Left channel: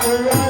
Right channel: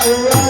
Thank.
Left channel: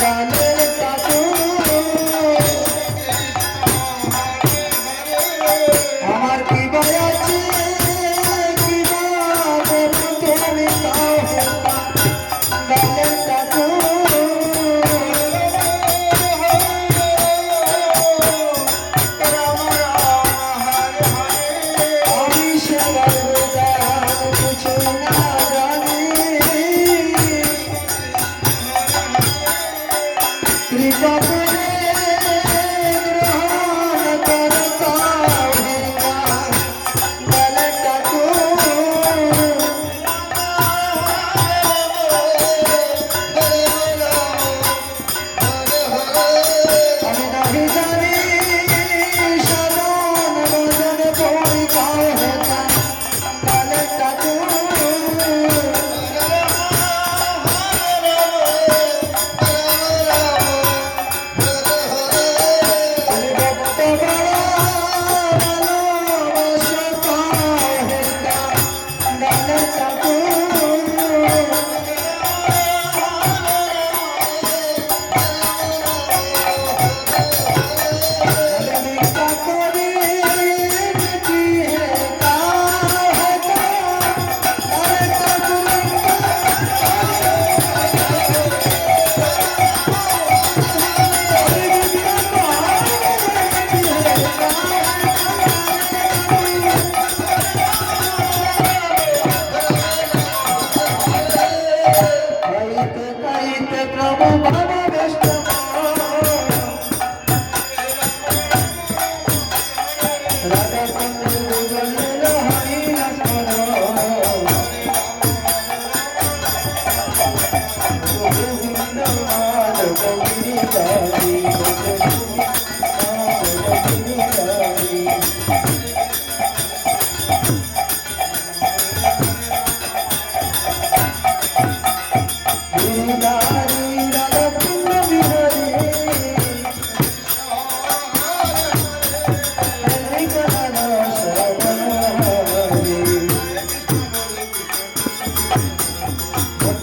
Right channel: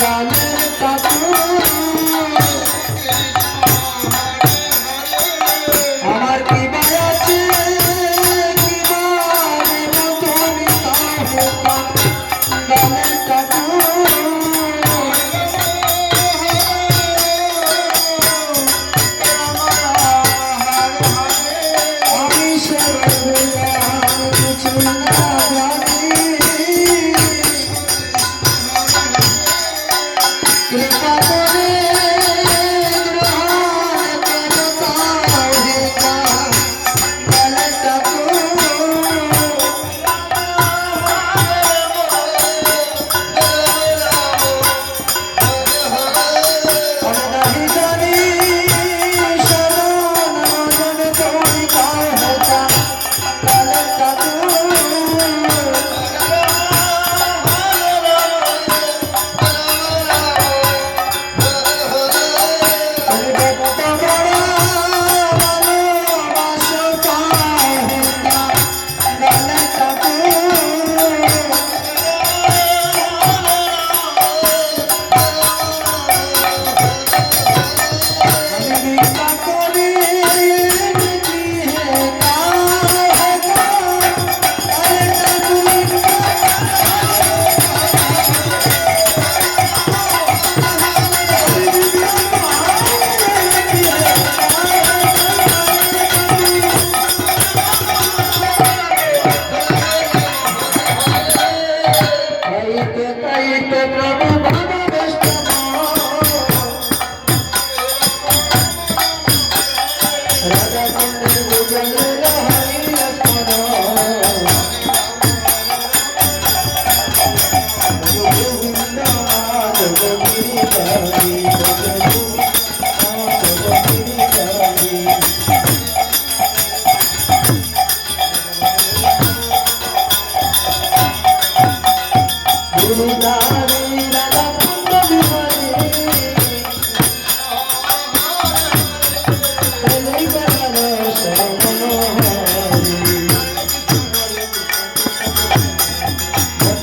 কানে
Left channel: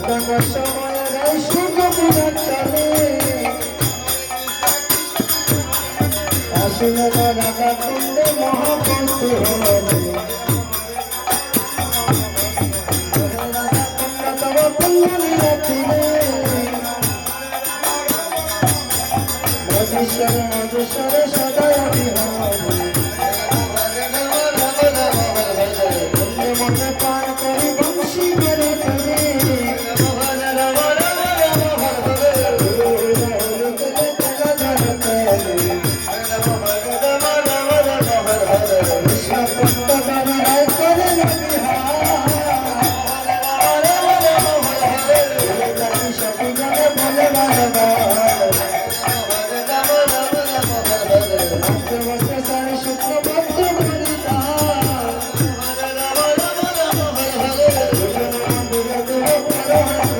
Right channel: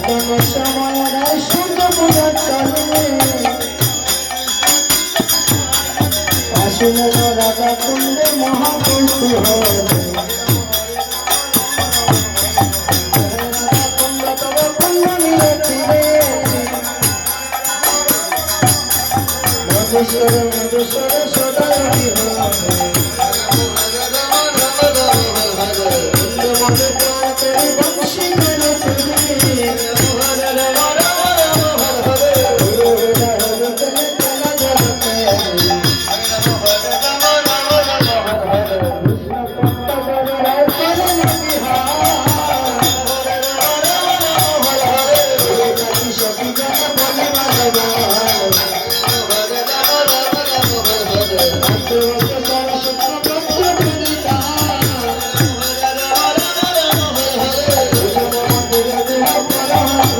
Thank you.